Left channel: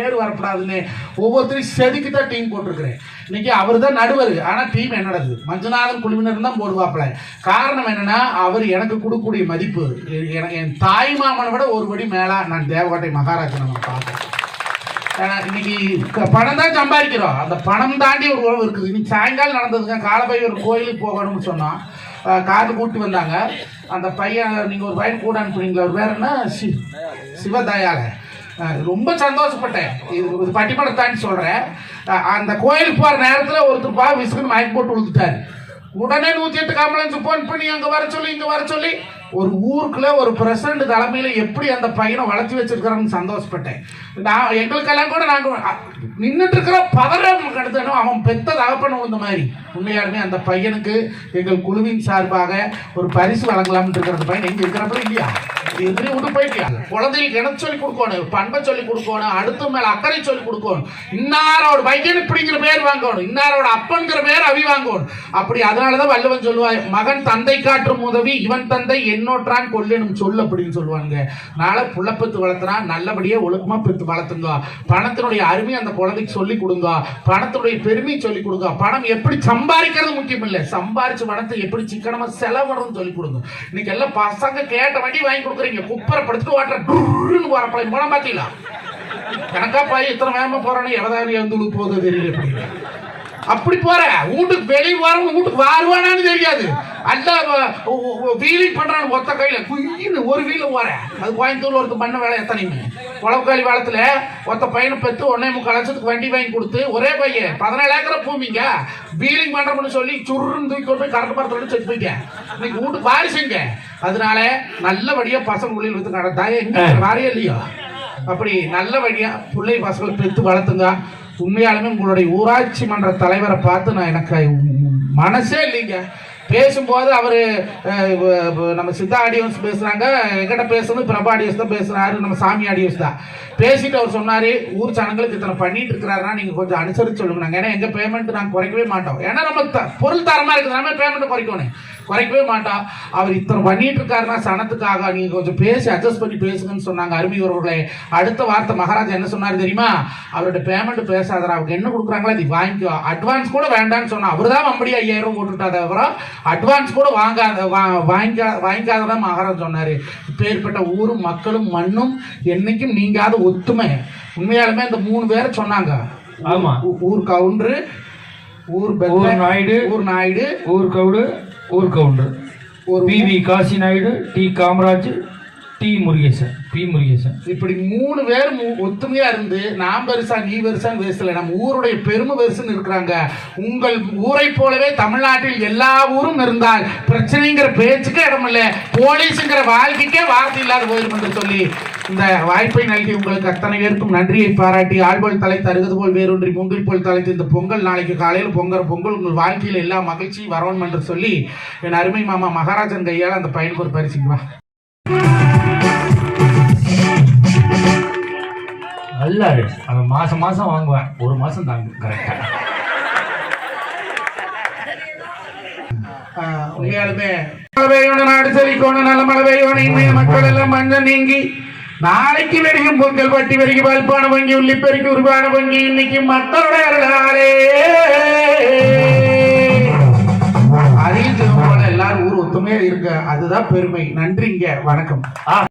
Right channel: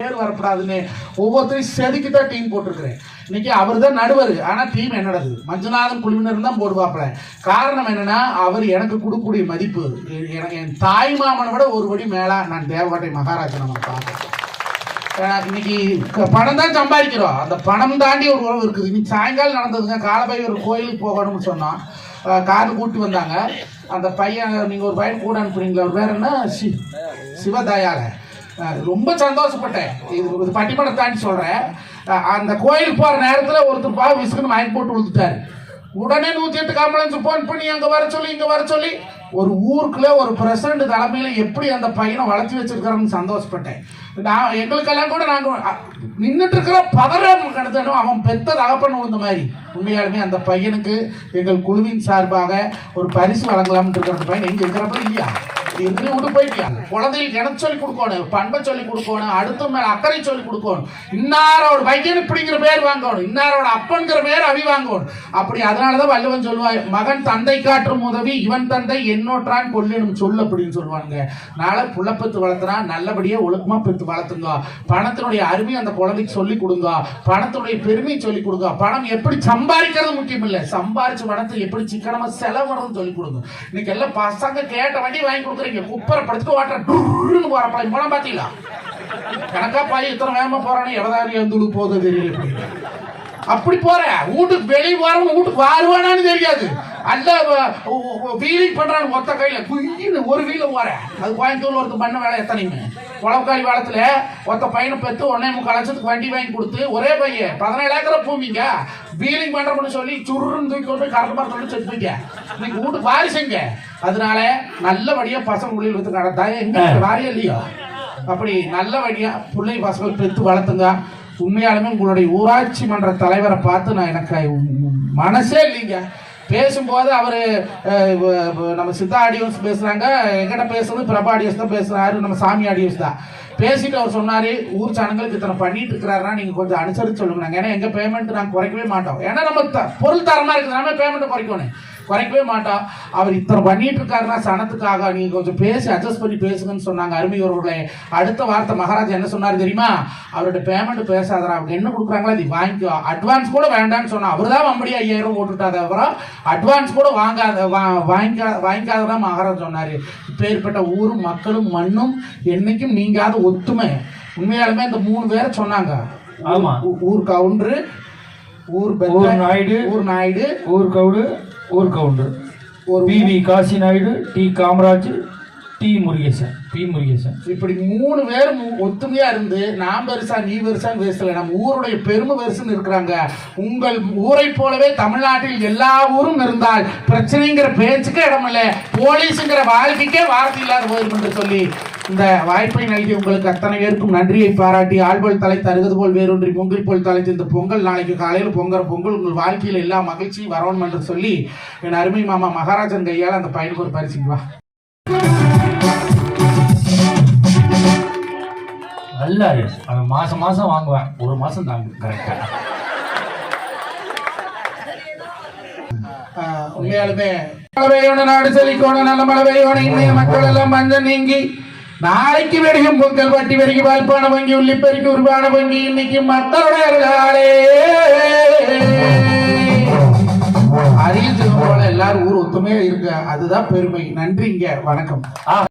பேர் வரக்கூடாதுன்னு ஒவ்வொருத்தரையும் செதுக்கி தான் டீம் போட்டிருக்கிறேன். இன்னைக்கு அவர் தான் நடுவர், ஆனால் டீம் என்னடது மஞ்சுநாதன் குழுவினர் தான் போடுவாப்புல. காரணம் என்னன்னா, அவர் எனக்கு கொடுக்கக்கூடிய மதிப்பு என் தாய் மாமனை விட ஒரு படி மேலா நான் தேவகோட்டை மகாராஜா நம்ம பார்க்கிறேன். இன்னைக்கு பணம் தான் சம்பாதிக்கிறோம், அந்த பணம் தாண்டி ஒரு உறவு இருக்குது. இன்னைக்கு சாயங்காலம் நடந்ததுங்க, காலபை ஒரு கோயிலுக்கு போகணும்னு சொன்னோம். காரில் கூப்பிட்டு வந்தாங்க. அந்த பையன், நீங்கள் ஒரு பையன் கூட அனுப்புறீங்களா, அவர் பேர் என்ன, சிவதயால. ரொம்ப சந்தோஷப்பட்டேன். இது பட்டிமணத்தான்னு சொல்கிறேன். அந்த கோயிலுக்கு போகிற நேரத்தில் ஒருத்தர் விசுக்குன்னு மயக்கம் போட்டு விழுந்துட்டார். உடனே 108 ஆம்புலன்ஸ் போன் பண்ணி அங்கே வர சொல்லி இங்கே வர சொல்லி ஒரு ஊருக்குள்ள ஒரு பிரசிடண்ட் தலைமையில் எப்படி அந்த பையனை வளர்த்தி வச்சிருக்காருன்னு சந்தோஷப்பட்டேன். நான் எங்களுக்கெல்லாம் கூட நாங்கள் நின்றுட்டு இருக்கிற பவரை கடத்தணும். அவன் பெத்த தகப்பன் விழுந்த மாதிரி. உண்மையாலுமே அந்த பையனுக்கு எங்கள் குழுவின் சார்பாக ஒரு பரிசு வழங்கலாம்னு இருக்கிற பையன் எங்கே இருக்கிறப்ப இல்லையா, விட்டு போயிட்டாங்க. குழந்தைகளுக்கு எனக்கு சொல்லி கொடுக்கணும், பண்பை சொல்லி கொடுக்கணும், அடுத்த மேல அக்கறை சொல்லி கொடுக்கணும். இன்னாரோட பையன் இப்படிங்கிற பேர் வாங்கணும், இன்னாரோட அப்பன்கிற பேர் அவி வாங்கணும். அப்படி அதனாலதான் வள்ளுவன் சொல்லுவார், மகன் தந்தை காற்றும் உதவி இவன் தந்தை என்னோற்றான் கொல்லணும் சொல்லு அப்படின்னு சொல்லுவாங்க. நாளை புள்ள பெத்து வளர்த்துனா நல்லபடியா ஒழுக்கமா பெத்து வளர்த்துங்க. பணத்தினுடைய அருமை அந்த குழந்தைக்கு சொல்லி கொடுங்க, பணத்தினுடைய பெருமை சொல்லி கொடுங்க. பணம் எப்படி சம்பாதிக்கிறது முக்கியம் இல்லை, சம்பாரிச்ச பணத்தை எப்படி சிக்கனமா செலவு சொல்லி கொடுங்க. இன்னைக்கு எல்லாம் பசங்க கேட்ட வண்டி வாங்கி கொடுக்குறீங்க, குப்பரை படுத்து வாட்டர் வரப்ப பணம் பாத்தீங்களா, கணக்கா பாய் இத்தனை வேகமா போறானே எவதாரி வந்து போகுது தெரியல. அப்படி போற வீட்டுக்கு வெளியே வரவங்க வீட்டுக்கு வருவானான்னு தெரியாது. அல்ல வீலிங் பண்றான்னு ஒத்த கையில குயின்னு ஒரு வீல போற. அது கோயம்புத்தூர்ல ஒருத்தர் பண்ண வேலை எத்தனைங்க குளவுக்காளி காலத்துல ஒத்த பையனை பெற்று 1.25 லட்சத்துக்கு வண்டி வாங்கி கொடுத்து ஒரே பையன் 17 ஏக்கரை பூமிங்க வீலிங் பண்றோம்னு சொல்லி சுருன்னு தூக்கி கொண்டு கரெக்ட் பார்த்து செத்து போயிங்க. இன்னைக்கு வீட்டுக்கு வாரிசுங்க. அதனால நல்லபடியா பசங்க உள்ளில் வந்து கடத்தா எங்க வாரியம் இல்லையோ, அப்படி நல்லபடியா பிள்ளை பசங்களை பெற்று வளர்த்துங்க. உண்மையாலுமே உங்களுடைய ஊராட்சி மன்ற தலைவரை பார்த்து நான் எனக்கு மனசே இல்லைங்க. பேசும்போது அவரு நம்ம சித்தா ஆடியோஸ் பேசுறாங்க, எங்கிட்ட பேசுறது பிரபா ஆடியோஸ் தான் பேசுறாரு, நம்ம சாமி ஆடியோஸ் தான் பேசிட்டு அவர் சொன்னாரு, ஊர் ஜனங்களுக்கு இத்தனை பண்ணிட்டு இருக்கிறாருன்னா நீங்க கொஞ்சம் அனுசரிச்சு சொல்லுங்க. ஏன்னா எங்க பேமெண்ட் நாங்கள் குறைக்கவே மாட்டோம். ஏன்னா நம்ம பொருள் தரமா இருக்குது, நம்ம பேமெண்ட் குறைக்கவே மாட்டோம். அவர் இத்தனை பண்ணிட்டு இருக்காருன்னா சனத்துக்காக நீங்க கொஞ்சம் பேசி அட்ஜஸ்ட் பண்ணி பேசுங்கன்னு சொன்னாங்க. அருமையோருடைய அடுத்த வார்த்தை மகாராஜா என்ன சொன்னாரு தெரியுமா, அவருடைய பேமெண்ட் பேசாதரா, அவங்க என்ன கொடுக்குறாங்களோ அது வாங்கிக்கோ, அட்வான்ஸ் கூட வேண்டாம்னு சொன்னா. அவர் தான் மம்படி 5000 போட்டுட்டாத, அப்புறம் அட்வான்ஸ் கூட வாங்கிக்காதான் மகாராஜா சொன்னாரு. இப்பேற்பட்ட ஊரும் மக்களும் மண்ணும் என்னைக்கும் நீங்காத ஒத்துமை. உண்மையாலுமே அந்த 3 பேரை சொன்னாங்க. ஆமா, ஊர் கவுண்டரு, ஊர் நாயுடு, ஊர் கவுடு, ஊர் கவுண்டர், ஒரு PV Kasi Naidu, T Kamaraj, T Murugesan, P Murugesan. இப்படி 3 பேர் ஒத்துமையா இருந்து நான் பெருசா நீ பெருசான்னு பேசல, நம்ம ஊருடைய பெருமை பெருசுன்னு இருக்கிறாங்க. உங்கள் ஊரை போலவே தமிழ்நாட்டில் எல்லா ஊரும் இருந்தால் பிரச்சனைங்கிற பேச்சுக்கே இடமில்லை, போலீஸுங்கிற வாழ்க்கைக்கே வார்த்தை இல்லாத போயிடும் என்று சொல்லி இந்த வாய்ப்பை நல்கி உங்களுக்கு அத்தனை பேருக்கும் நன்றியை பாராட்டி, ஆழ்போல் தலை தருவது போல் வேறொன்றி பொங்கல் போல் தலைத்து இந்த பொங்கல் நாளைக்கு காலையில் பொங்கல் உங்கள் வாழ்க்கையில் எல்லா மகிழ்ச்சியும் வரணும் என்று சொல்லி என் அருமை மாமா மகாராஜன் கையால் அந்த பையனுக்கு ஒரு பரிசுக்கு வா. நல்லா இருக்கு. அவன் மாசம் வாங்குவேன், ஒரு மாசம் தாங்க கரெக்டா. உண்மையாலுமே நாடு செழிக்கோணும், நல்ல மழை பெய்யணும், இன்றைய மக்கள் எல்லாம் மஞ்சள் நீங்கி நாளைக்கு வெடிக்கும் பொங்கல் பட்டி வரைக்கும் பால்பான வங்கி உள்ளிப்பெருக்கி உருவான வங்கி இன்னைக்கு மக்களுடைய அறிவு போல எல்லாரும் ஊர் ஒத்துமையா இருக்க, அதுதான் பெருமை. நன்றிங்க, வணக்கம்.